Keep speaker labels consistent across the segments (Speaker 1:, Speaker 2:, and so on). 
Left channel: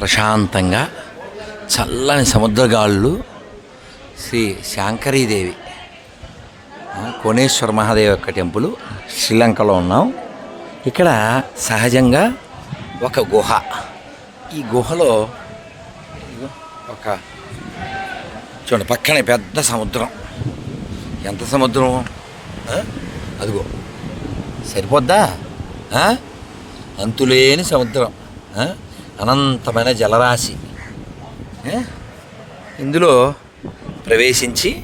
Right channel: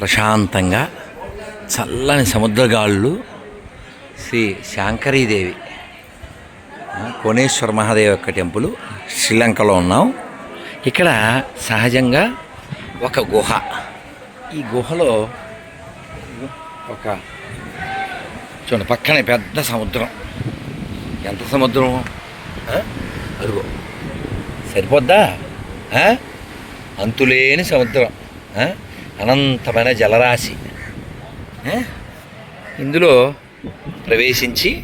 Speaker 1: ప్రశాంతంగా చల్లని సముద్రగాళ్ళు శ్రీ శాంకరీదేవి కోణేశ్వర మహాదేవ్ యొక్క టెంపుల్ శ్రీలంకలో ఉన్నాం. ఇక్కడ సహజంగా ఒక గుహ. ఈ గుహలో ఒక చూడండి పక్కనే పెద్ద సముద్రం. ఎంత సముద్రం? అదిగో. సరిపోద్దా? అంతులేని సముద్రం. అనంతమైన జలరాశి. ఇందులో ప్రవేశించి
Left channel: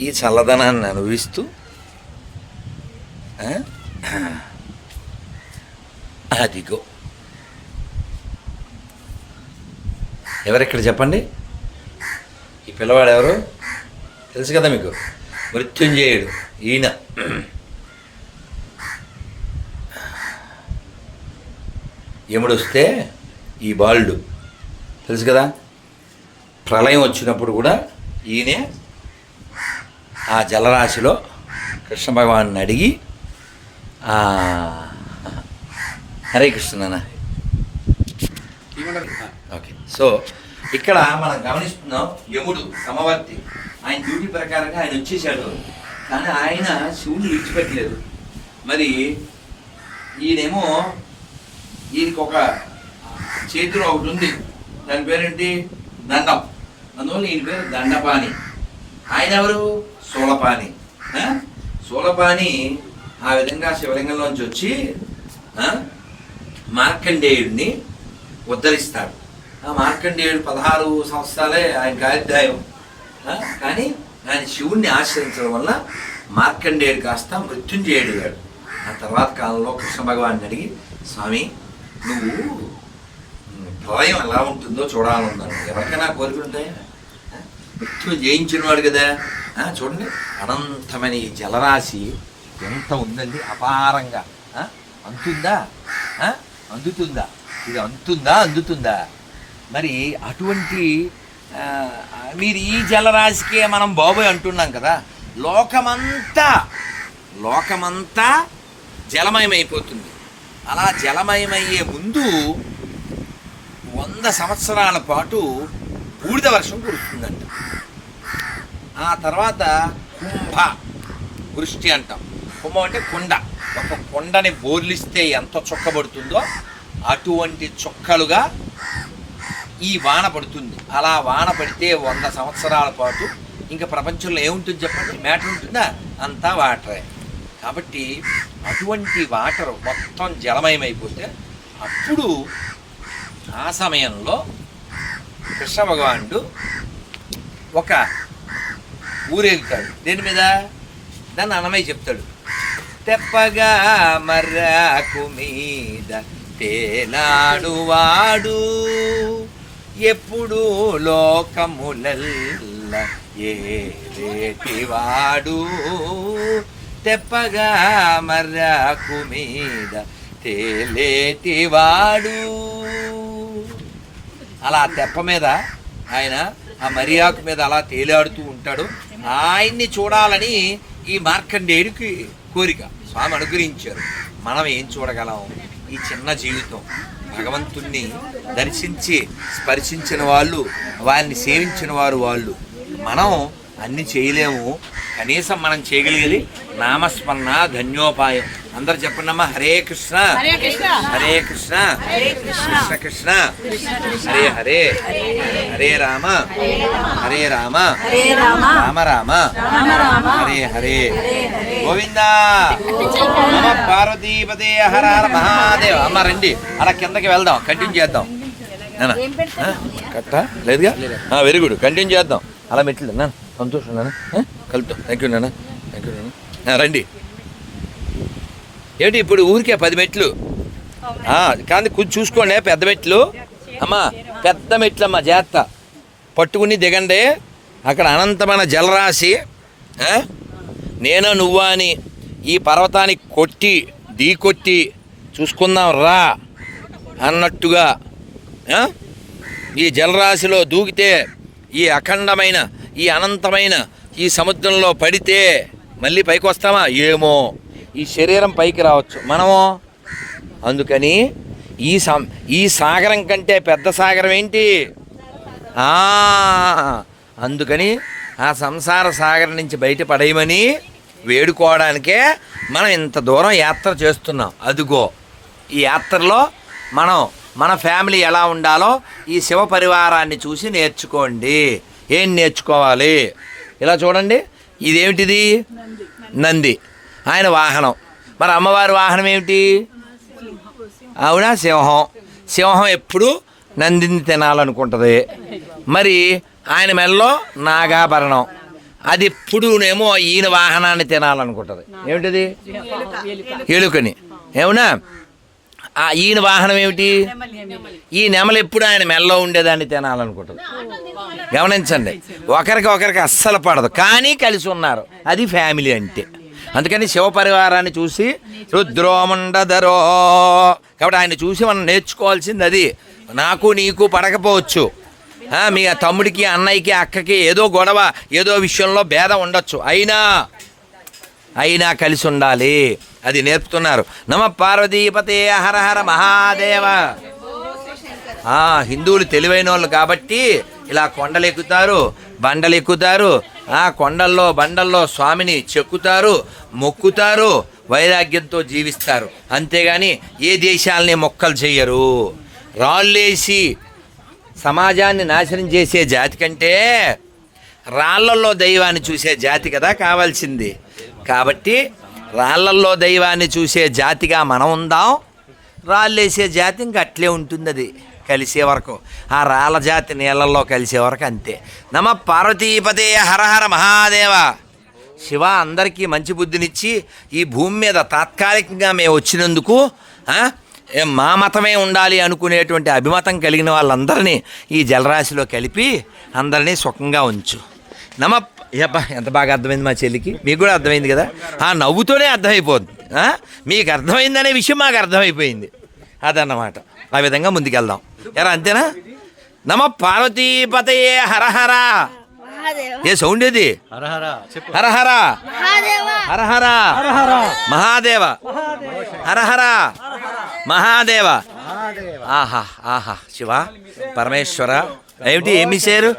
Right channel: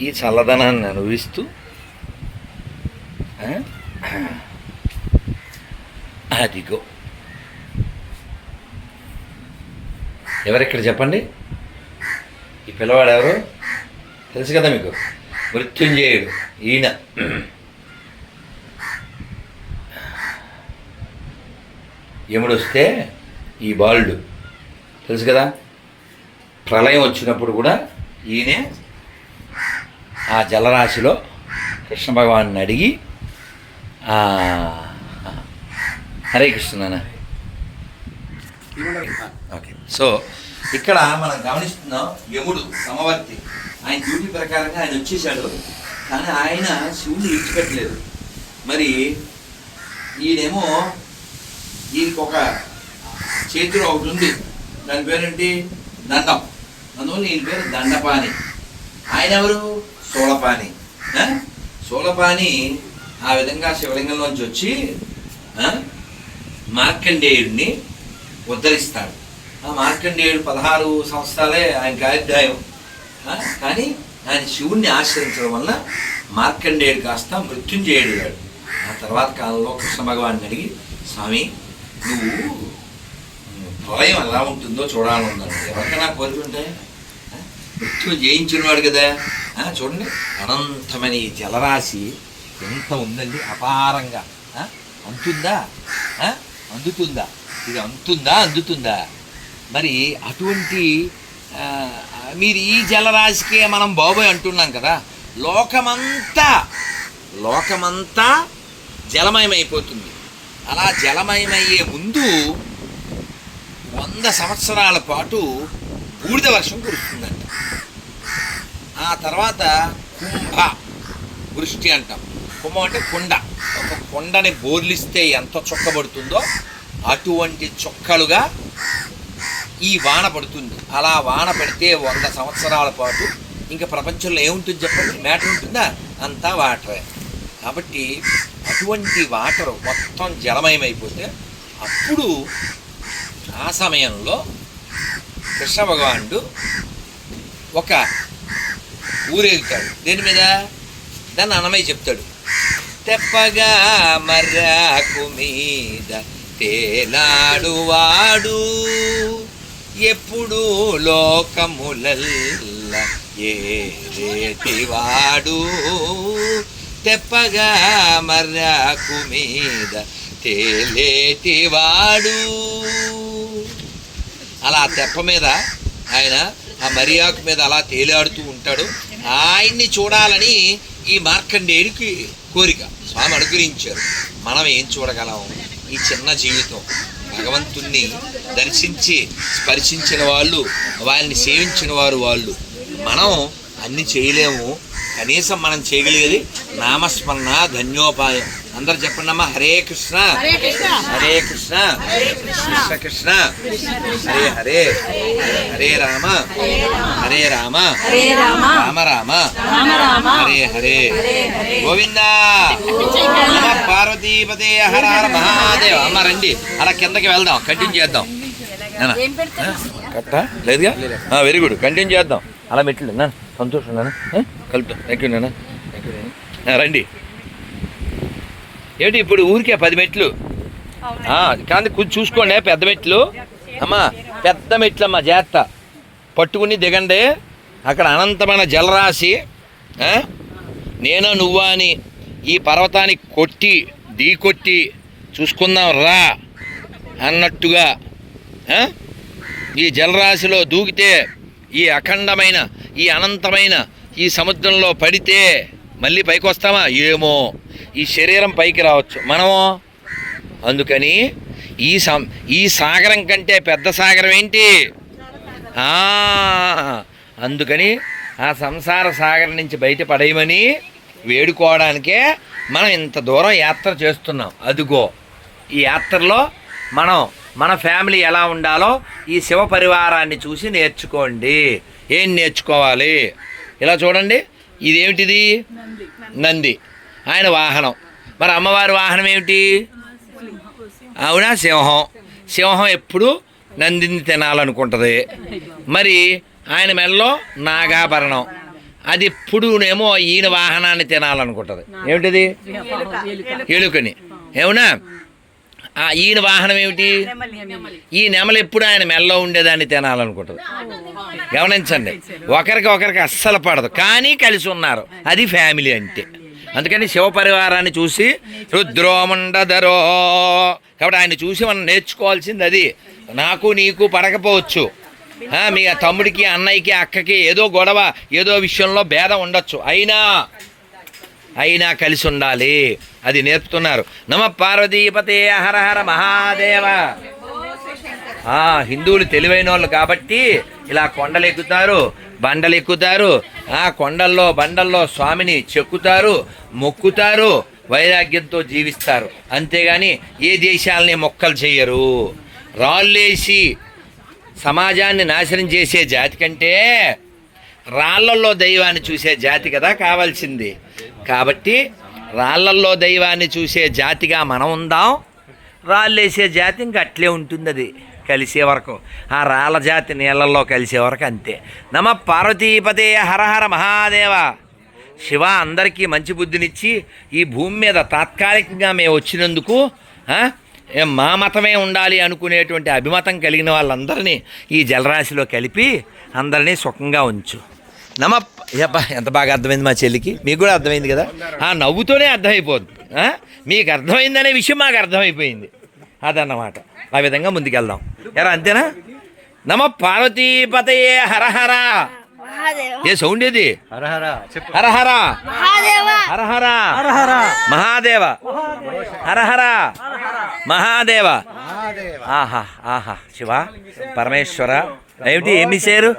Speaker 1: ఈ చల్లదనాన్ని అనుభవిస్తూ అదిగో. ఎవరెక్కడ చెప్పండి? ఈ పిల్లవాడు ఎవరు తెలుసు కదా మీకు? మృత్యుంజయుడు. ఈయన. యముడొస్తే ఈ బాలుడు. తెలుసు కదా? ప్రళయం వచ్చినప్పుడు కూడా ఈయనే ఆ జలరాశిలో కృష్ణ భగవాన్ని అడిగి హరే కృష్ణ నాన్న. ఓకే. సో ఇక్కడ మనం గమనిస్తున్నాం యముడు సమవర్తి. ఆయన డ్యూటీ ప్రకారంగా ఆయన వచ్చేసాడు కానీ ఆయన శివుని విడిచిపెట్టలేదు. మరి ఈయనేమో ఈయనకి ఒక చేతిలో ఒకటి ఉంది. దాని పేరేంటి? దండం. అందువల్ల ఈయన పేరు దండపాణి. ఆయన ఎవరు సోలపాని ఆ? ఆ విధంగా శివలింగంలోంచి వచ్చి మార్కండేయుడిని ఉద్ధరిస్తాడు. ఆ మార్కండేయుడు పదహారు సంవత్సరాలే ఆయన గాయత్రాయం కానీ ఆయన శివుణ్ణి ఆశ్రయించడం వల్ల మార్కండేయుడు కాస్త మృత్యుంజయుడు ఆ తర్వాత కాలంలో కృష్ణ భగవాన్ని అడిగి స్వామి నువ్వు ప్రళయం ఎలా ఉంటుందో చూడాలన్నాడు ఎవరికైనా కోరిక ఉంటాయా ఆ? మృత్యువు జయించిన వాడు కదా చూడండి అనంతమైన ఈ జలరాశి ఎంత ఉందండి అపారంగా. ఆ? అంతుందా? అందుతుందా? ఇది అంతుందా అందుతుందా? మరి అటువంటి మీరు ఈ జలరాశికే మనం బాబోయ్ అంటున్నాం కదా. లోకమంతా లోకమంతా జలమయమైపోతుంది. అలా జలమయమయ్యే ముందు వంద సంవత్సరాల పాటు బూడిద వర్షం కురుస్తుందంట. ఆ తర్వాత కుంభ వృష్టి అంటాం. కుంభం అంటే కొండ. ఒక కొండని బోర్లిస్తే ఎంత చొక్కబడుతుందో అటువంటి చొక్కలుగా ఈ వాన పడుతుంది. అలా వాన పడితే వంద సంవత్సరాల పాటు ఇంకా ప్రపంచంలో ఏముంటుంది చెప్పండి? మ్యాటర్ ఉంటుందా? అంతా వాటరే. కాబట్టి అటువంటి వాటర్ మొత్తం జలమయమైపోతే అప్పుడు ఆ సమయంలో కృష్ణ భగవానుడు ఒక ఊరేగుతాడు. దేని మీద? దాన్ని అన్నమయ్య చెప్తాడు. తెప్పగా మర్రాకు మీద తేలాడు వాడు ఎప్పుడు లోకములల్ల ఏరేటివాడు. తెప్పగా మర్రాకు మీద తేలేటివాడు. అలా తెప్ప మీద ఆయన ఆ మరియాకు మీద అలా తేలాడుతూ ఉంటాడు. ఆయన్ని చూడాలని ఈ మార్కండేయుడికి కోరిక. స్వామి అనుగ్రహించారు. మనం ఏం చూడగలం? ఈ చిన్న జీవితం. భగవంతుణ్ణి దర్శించి స్పర్శించిన వాళ్ళు వారిని సేవించిన వారు వాళ్ళు. మనం అన్ని చేయలేము. కనీసం మనం చేయగలిగేది నామస్మరణ ధన్యోపాయం. అందరు చెప్పండి అమ్మా హరే కృష్ణ.
Speaker 2: హరే కృష్ణ.
Speaker 1: కృష్ణ.
Speaker 2: హరే కృష్ణ.
Speaker 1: హరే హరే. హరే రామ. హరే రామ.
Speaker 2: రామ.
Speaker 1: రామ హరే హరే. గోవింద. నమ పార్వతీపదే హర హర మహాదేవ్. అమ్మ రండి. అలా కిందకి వెళ్దాం. కంటిన్యూ చేద్దాం? కట్ట లేదుగా? Very good. కంటిన్యూ చేద్దాం. అలా మెట్లు సంతోషం నాన్న. కలుపుతాం థ్యాంక్ యూ నాన్న. థ్యాంక్ యూ నాన్న. రండి. ఏంటి ఇప్పుడు ఊరికే పది మెట్లు? కానీ కొంచెం చూసుకోండి పెద్ద మెట్లు. అమ్మా పెద్ద మెట్లు అమ్మా జాగ్రత్త. పట్టుకుని దిగండి. అక్కడ అనంతమైన జలరాశి. నేను నువ్వా అని ఈ పర్వతాన్ని కొట్టి ఢీ కొట్టి చూసుకుందాం రా అన్నట్టుగా ఈ జలరాశిలో దూకితే ఈ అఖండమైన ఈ అనంతమైన ఈ సముద్రంలో పడితే మళ్ళీ పైకి వస్తామా ఏమో. ఈ శరీరం పైకి రావచ్చు. మనము? అందుకని ఈ సం ఈ సాగరం కంటే పెద్ద సాగరం ఏంటి? అందుకని ఆ సంసార సాగరం నుంచి బయటపడేయమని వేడుకోవడానికే మనం ఇంత దూరం యాత్ర చేస్తున్నాం. అదిగో ఈ యాత్రలో మనం మన ఫ్యామిలీ ఎలా ఉండాలో ఈ శివ పరివారాన్ని చూసి నేర్చుకోండి. ఏం నేర్చుకోవాలి? ఇలా చూడండి. ఇదేమిటిది? నంది. ఆయన వాహనం. మరి అమ్మవారి వాహనం ఏమిటి? అవునా? సింహం. సింహం ఎప్పుడు నందిని తినాలనుకుంటుంది. మరి ఆయన మెల్లో నాగాభరణం. అది ఎప్పుడునేమో ఈయన వాహనాన్ని తినాలనుకుంటుంది. ఏమిటిది? ఎలుకని ఏమన్నా? ఈయన వాహనం ఏమిటి? ఈ నెమలు ఎప్పుడు ఆయన మెల్లో ఉండేదాన్ని తినాలనుకుంటుంది. గమనించండి ఒకరికి ఒకరికి అస్సలు పడదు కానీ కలిసి ఉన్నారు. అది ఫ్యామిలీ అంటే. అందుకని శివ పరివారాన్ని చూసి రుద్రోమండధరో. కాబట్టి ఆయన చూసి మనం నేర్చుకోవాల్సింది అది. నాకు నీకు పడకపోవచ్చు. మీ తమ్ముడికి అన్నయ్యకి అక్కకి ఏదో గొడవ ఏదో విషయంలో భేదం ఉండొచ్చు. అయినా అయినా కలిసి ఉండాలి. అది నేర్పుతున్నారు. నమ పార్వతీపతే హర హర మహాదేవ. ఆ, హిందువులు తెలివైన వాళ్ళు కాబట్టి ఇలా కొండలు ఎక్కుతారు బండలు ఎక్కుతారు ఆ కొండల్లో బండల్లో స్వామిని చెక్కుతారు మొక్కుతారు వైరాగ్యంతో జీవిస్తారు. అంతేగాని ఏ దేశాలని మొక్కలు చెయ్యరు. రాళ్ళేసి సమాజాన్ని నాశనం చేసే జాతి కంటే రాళ్ళల్లో దైవాన్ని చూసే జాతి కదా కావాల్సింది. కాబట్టి రాళ్ళల్లో దైవాన్ని చూసే జాతిగా మనం ఉందాం. రాళ్ళేసే జాతి ఇంక అట్లే ఉంటుంది అది కలిసే వరకు. ఆ రాళ్ళ జాతి నీళ్ళల్లో కలిసే వరకు అంతే. నమ పార్వతీపతే హరహర మహాదేవ. శివ అందరికీ మంచి బుద్ధినిచ్చి ఈ భూమి మీద తాత్కాలికంగా మేము వచ్చినందుకు మా మతమే ఉండాలి అనుకునేటువంటి అభిమతం కలిగిన వాళ్ళందరినీ ఈ జలరాశిలో కలిపి అందరినీ సుఖంగా ఉంచు. నమ అబ్బా ఎంత బాగా అర్థమైంది మా చెల్లికి? మీకు కూడా అర్థమైంది కదా? ఆ నవ్వుతోనే అర్థమైపోతుంది ఆ? మీకు అర్థమైందనే విషయం మాకు అర్థమైపోయింది. అదన్నమాట. ఆ విధంగా ముందుకెళ్దాం. ఎరా అంతేనా? నమ పార్వతీపతయే హరహర. ఏ సౌండ్ ఏది? హరహర హరహర. మహాదేవ. హరహర. మహాదేవ. ఆహా ఆహా శివ పరమేశ్వర. ఏమిటి ఏమి చేరు